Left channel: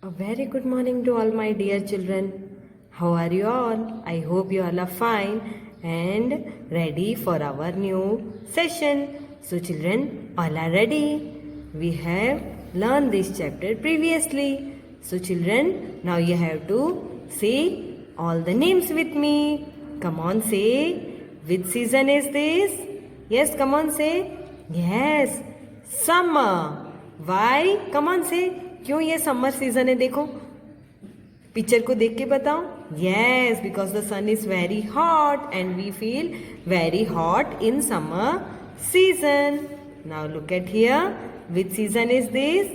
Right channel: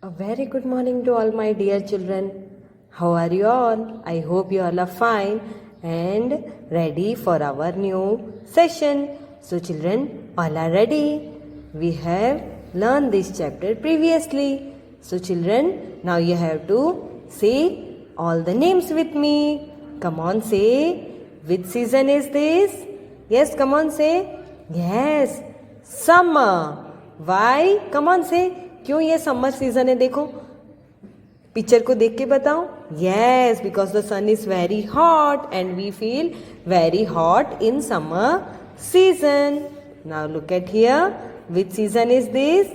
A very good morning to all my dear children. How are you all? I hope you all are fine and ready for our new session. So children, all are ready. We have learned this chapter previously. So children, now you have to say all the names with me. Come on, say. Which season is this? Yes, come on, say. Yes, summer. Why? Come on, say. क्यों ये summer season है? देखो picture को देख के बताओ. Yes, because the sun is very hot and we feel very hot in summer season. Now look at here. Which season is this?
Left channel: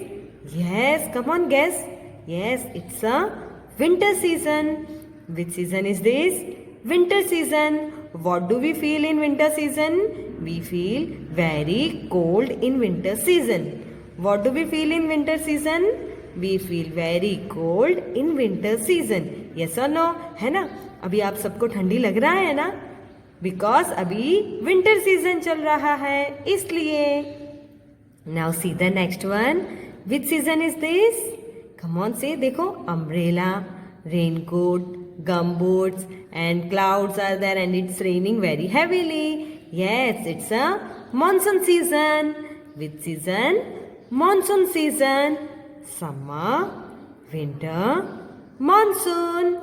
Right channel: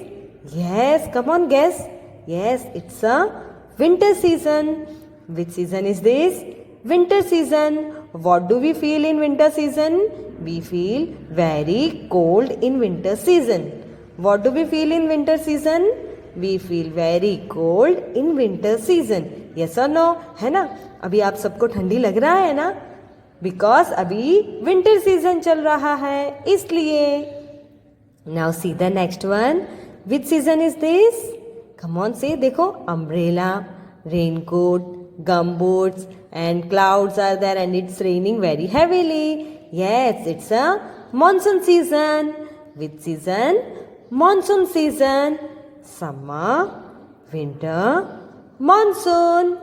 Yes, come on guess. Yes, it's a winter season. Which season is this? Winter season. What do we feel in winter season? We feel very cold in winter season. What do we feel in winter season? We feel very cold in winter season. Yes or no? है ना? अभी आप सबको ठंडी लग रहा है ना? Because अभी winter season चल रहा है इसलिए. Now see the next one. Which season is this? Come on, say. देखो, umbrella, raincoat, gumboots and clouds are there and it's raining very heavily. Yes, it's a monsoon season. Which season? Monsoon season. Summer, winter, monsoon.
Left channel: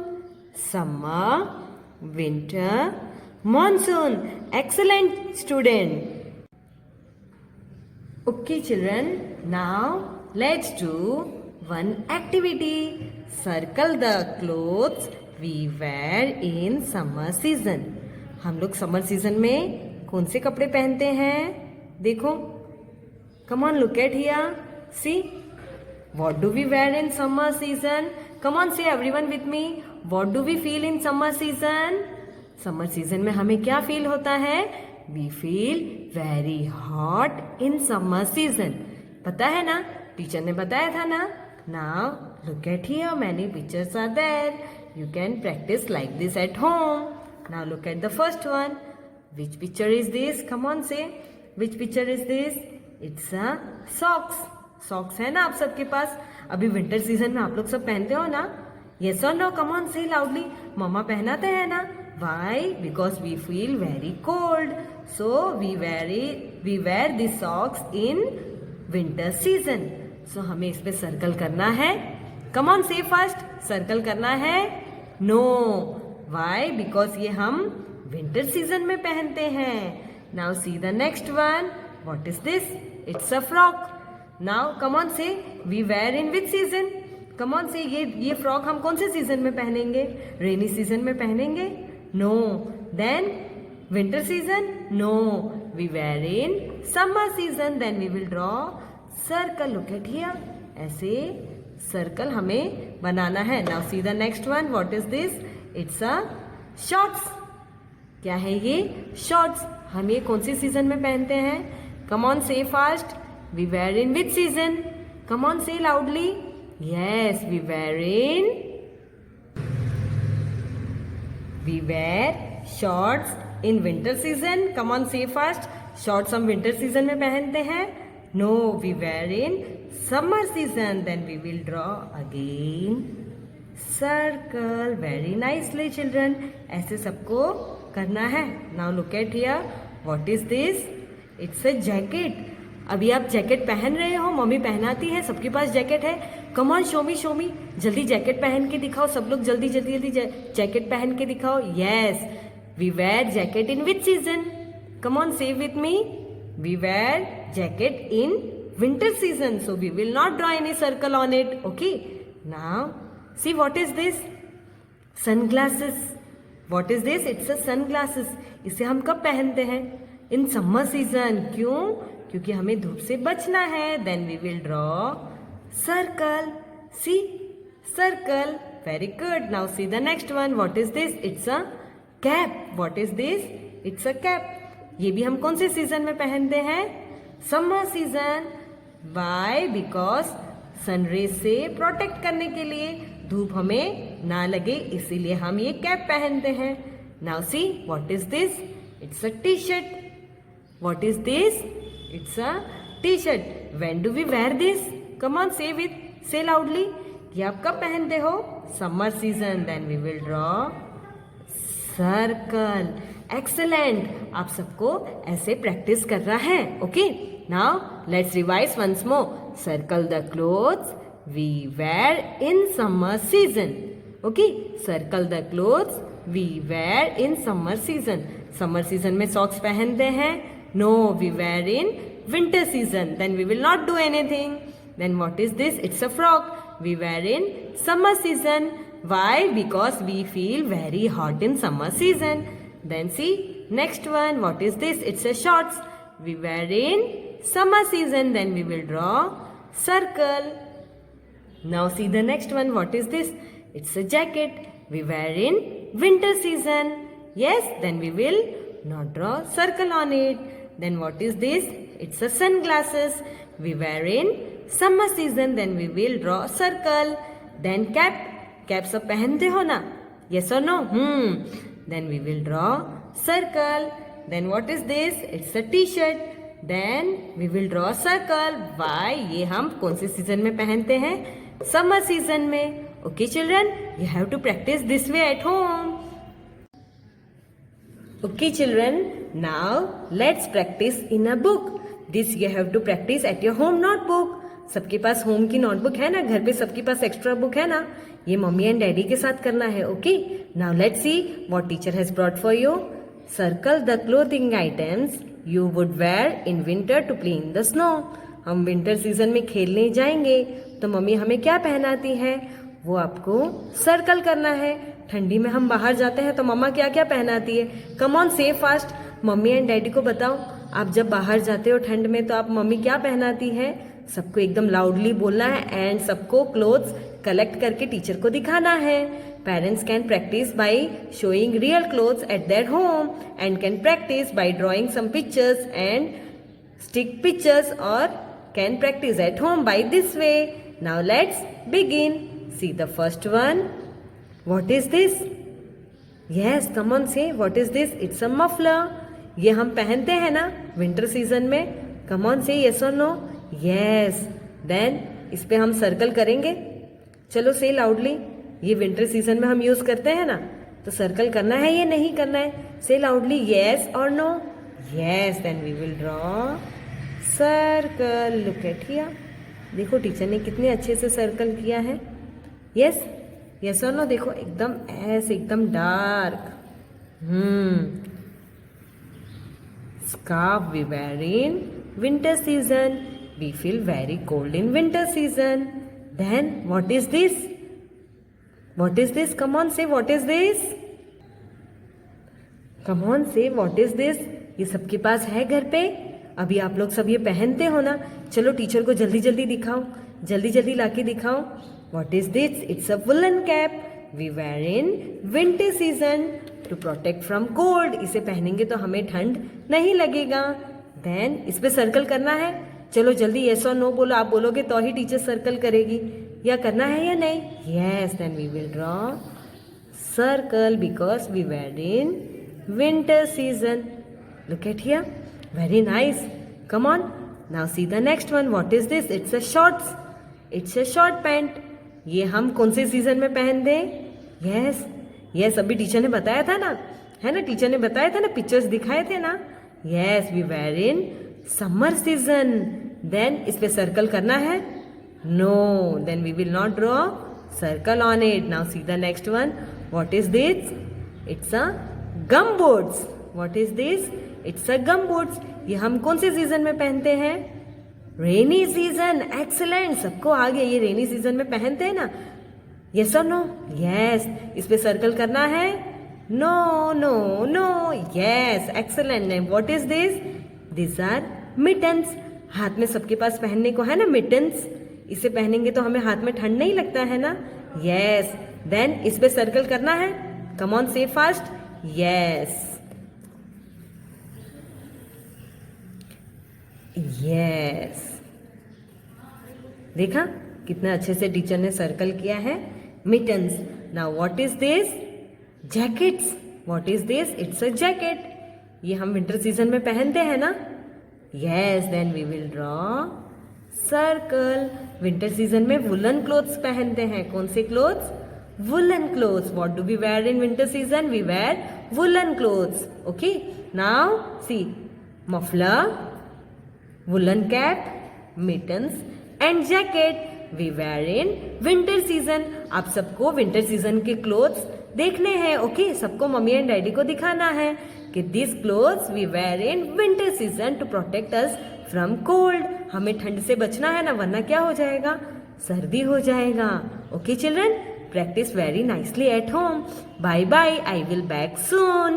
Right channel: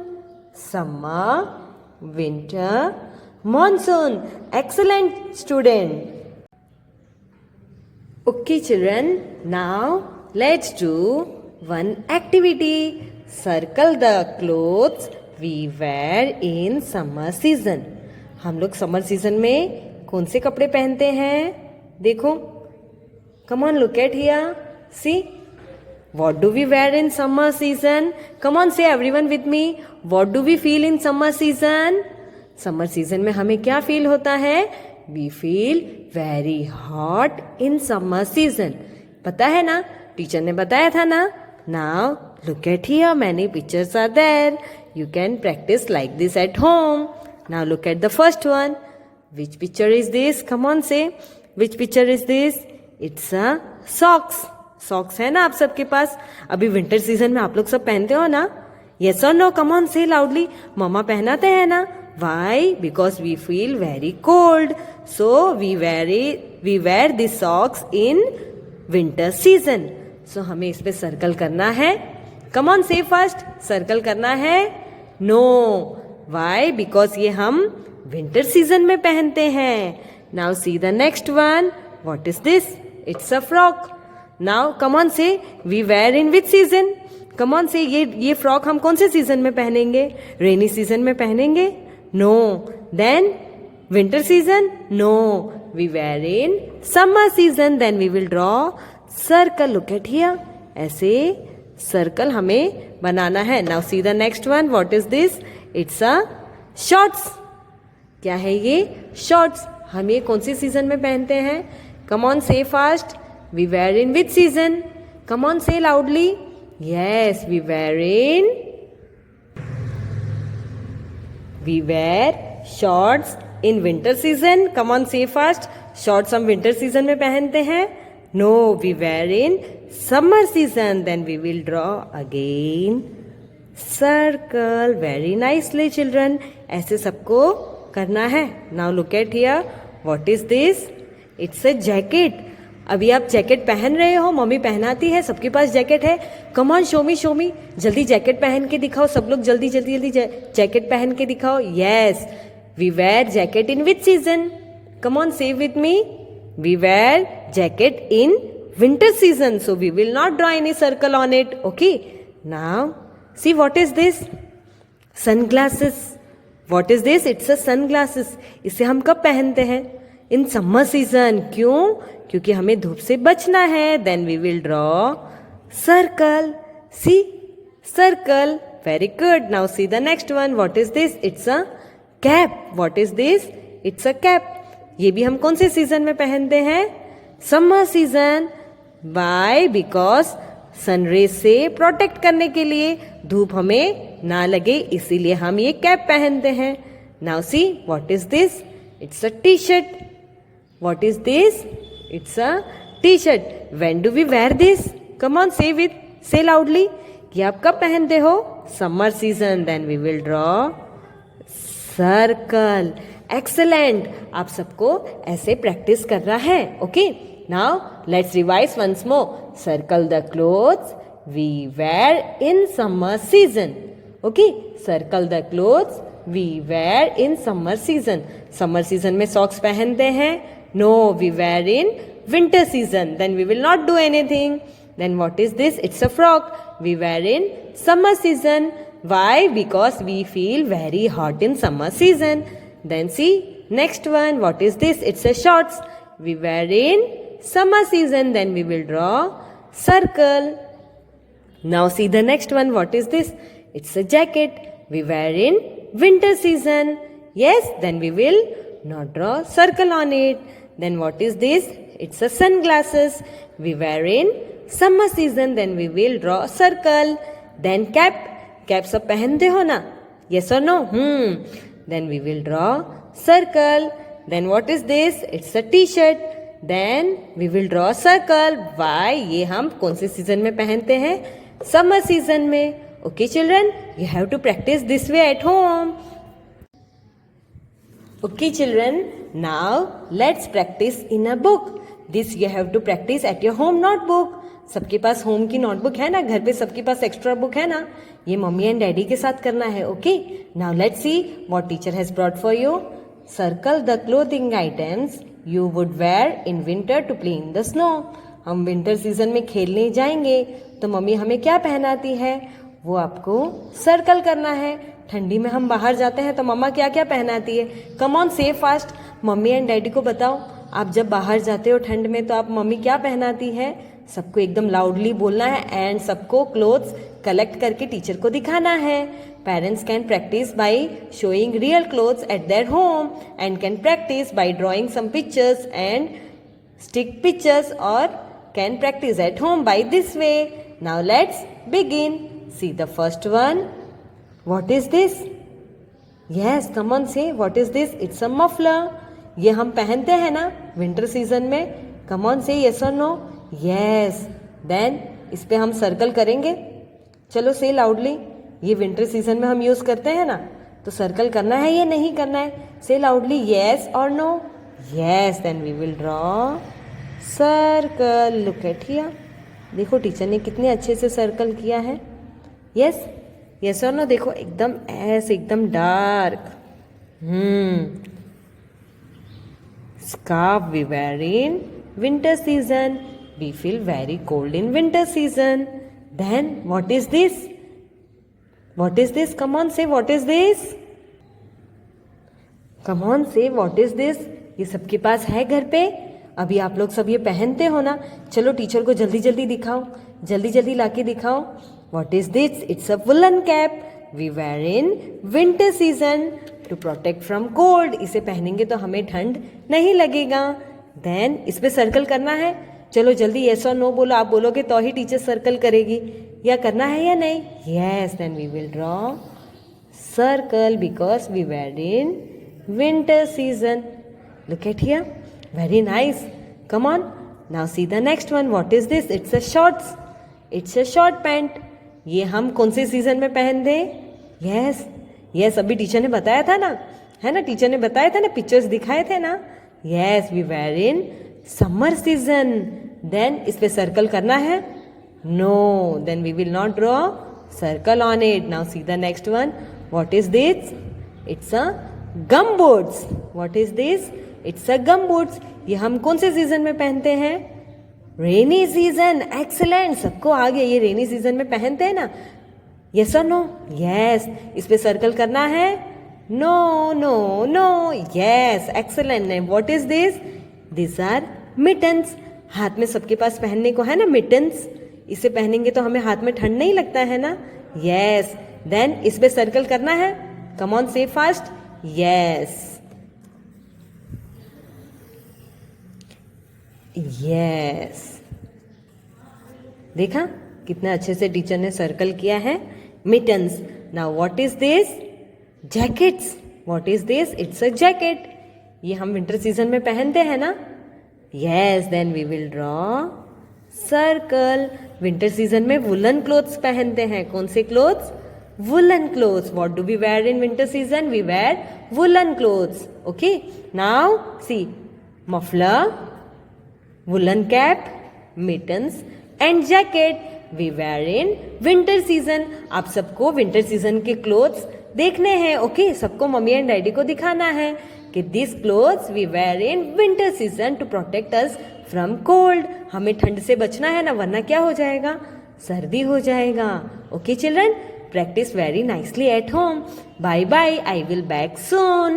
Summer, winter, monsoon. Excellent, student. Okay, children. Now let's do one activity. Circle the clothes we wear in summer season. हम लोग summer season में कौन से कपड़े पहनते हैं? देखो, come on, look at here. See, what do we wear in summer season? Come on, say everyone with me. What do we feel in summer season? Summer season में हमें क्या फील होता है? We feel very hot in summer season. पता है ना? Teacher ने बताया था ना? Now look at here. Many pictures are there. You can practice like this at home. Now look at the first one. Which picture is this? Come on, say. Which picture is this? It's a socks. Socks है ना आप सबके पास? अभी winter season में आप लोग सब पहनते हो ना? Yes or no? Come on, say loudly. मम्मा पहनाते हैं ना? Why? Because we feel very cold. So we wear these socks in winter season. So हमें इस पे सर्कल करना है. Come on, say first. Circle करना है? No. Why? Because ये हम विंटर सीजन में पहनते हैं. Now see the next one. What is this? It's a frock. Now come on, say. We wear in which season? Come on, say. ये frock हम कौन से सीजन में पहनेंगे? रेनी सीजन में पहनेंगे? No. Then winter season? No. We wear in summer season. Then we will draw circle. Look at here. ऐसे circle हमें बनाना है. Now see the next one. What is this? It's a shorts. क्या है ये? Shorts. हम ये कौन सी season में पहनते हैं? Come on, say fast. We wear in which season? Come on, say loudly. Yes, we wear shorts in winter season. Come on, say fast. Shorts हम विंटर सीजन में पहनते हैं? No, we wear in summer season. Then we will draw again circle. Very nicely, children. ऐसे सबको करना है. Now look at here. What is this? It's a jacket. अभी आप जैकेट पहन रहे हो. मम्मी पहनाती है. सबके पास जैकेट है. Come on, show me. जल्दी जैकेट पहन के दिखाओ. सब लोग जल्दी जैकेट पहन के दिखाओ. Yes, we wear jacket in which season? Come on, say with me. We wear jacket in winter season. So we will not draw any circle on it. Okay. Now see, what is this? Sunglasses. What is this? It's a sunglasses. इसे हम कब पहनते हैं? In summer season. क्यों? क्योंकि हमें धूप से बचना है. Then we will draw circle. See, circle. Very good. Now see the next one. What is this? It's a cap. What is this? It's a cap. ये भी हम कौन से सीजन में पहनते हैं? Summer season. Why? Because sunrays से protect करने के लिए, धूप हमें ना लगे, इसीलिए हम ये कैप पहनते हैं. Now see, what is this? It's a T shirt. What is this? It's a T shirt. When do we wear this? Come on, say loudly. ये आप कब पहनते हो? Summer season. Then we will draw circle. Excellent. आप सबको ऐसे practice करना है. Okay, now let's revise once more. Circle the clothes we wear in summer season. Okay, circle the clothes we wear in summer season. Summer season में socks पहनते हैं? No, we wear in winter season. Then we will not do anything. Then what is this? It's a frock. We wear in summer season. Why? Because we feel very hot in summer season. Then see next one. What is this? It's a shorts. We wear in summer season. Then we will draw circle. Now see the next one. What is this? It's a jacket. We wear in winter season. Yes, then we will not draw circle on it. Then what is this? It's a sunglasses. We wear in summer season. Then we will draw circle. Then cap. Cap सब पहनते हो ना? Yes or no? Then we will draw circle. Then what is this? It's a t-shirt. Then we will draw circle. Why? ये हम कौन से season में पहनते हैं? Summer season में. Okay children, you have to practice this way at home. Okay children, now let's practice in a book. This you have to practice at your home notebook. सबके पास home की notebook है ना? घर पे सबके पास extra book है ना? ये मम्मी एंड डैडी के साथ करना है. Okay, now let's see what teacher has brought for you. Circle the clothing items you would wear in winter to play in the snow. हम विंटर सीजन में खेलने जाएंगे तो मम्मी हमें क्या पहनाती है वो आपको सर्कल करना है. ठंडी में हम बाहर जाते हैं तो मम्मा क्या क्या पहनाती है? Come on say fast. Mummy and daddy को बताओ, आप जब बाहर जाते हो ठंड में तो आप मम्मी क्या पहनाती है? सबको एकदम लाउडली बोलना है एंड सबको क्लोथ्स कलेक्ट करके टीचर को दिखाना है. Parents can practice by showing real clothes at their home and can practice by drawing some pictures and stick pictures और can practice at home by this way. Now let's begin. See the first one. What is this? Yes, come on say what is this? It's a muffler. ये हम पहनते हैं ना winter season में? Come on say yes और no. Yes. Then इस पे हम सर्कल करेंगे. चलो से लाउडली. ये विंटर सीजन में हम यूज करते हैं ना, तो सर्कल करना है या नहीं करना है? से लाउडली यस और no. Yes. Then we will draw circle. Look at here. देखो टीचर ने कितने अच्छे से सर्कल किया है. यस, यस और नो. देखो एकदम ऐसे एकदम dark. Scarf we wear in winter season. We feel very cold in winter season. Then what is this? What is this? Come on, say what is this? Come on, say what is this? ये सबके पास है घर पे? अभी आप लोग सब ये पहनते हो ना? चलो टीचर को जल्दी जल्दी दिखाओ, जल्दी जल्दी लाके दिखाओ. What is this? It's a woolen cap. We wear in winter season to protect from cold. इसे पहनेंगे तो हमें ठंड नहीं लगेगा. देन इस पे सर्कल करना है. चलो जल्दी यस और नो बोलो. आप बोलोगे तो ही टीचर सर्कल करेगी. या करना है या नहीं? Yes. Then we will draw circle because we wear in winter season. Look at here. Very nice. Come on. Now see the next one. What is this? It's a shorts. It's a short pant. ये हम कौन से season में पहनते हैं? Yes, yes. अभी teacher ने बताया था ना, है ना? टीचर ने बताया था ना, पिक्चर्स दिखाए थे ना. Yes, we wear in summer season. Then इस पे सर्कल करना है? No. Then we will not draw circle on it. Now see the next one. What is this? It's a gum boots. What is this? It's a gum boots. ये हम कौन से season में पहनते हैं? Rainy season. एक्सीलेंट. सबको आ गया. ये रेनी सीजन में पहनते हैं ना? यस और नो? यस. इस पे सर्कल करना है? No, no, no. Yes, excellent. What is this? This are mittens. हाथ में सबके पास पहनने को है ना मिटन्स. इसे पहनेंगे तो हमें हाथ में ठंड नहीं लगता है ना? यस. देन इस पे सर्कल करना है. Come on say fast. Yes, yes. देखा कितना अच्छे से टीचर ने सर्कल किया है. Mittens. Now what is this? Jackets. What is this? It's a jacket. ये हम विंटर सीजन में पहनते हैं ना? Yes. Then we will draw circle. Winter season में वुलन क्लोथ्स पहनते हैं। कौन से clothes? Woollen clothes. What do we wear in winter season? We wear woollen clothes. Okay, now see, muffler, woollen cap, mittens and jacket we wear in winter season. आप सबको winter season के clothes देखने हैं। Okay, सबको mummy and daddy को दिखाना है कि this clothes we wear in winter season to protect us from cold. हमें ठंड से बचना है ना, वरना क्या हो जाएगा? सर्दी हो जाएगा। Okay children, practice very nicely at home. Bye bye. I will back soon.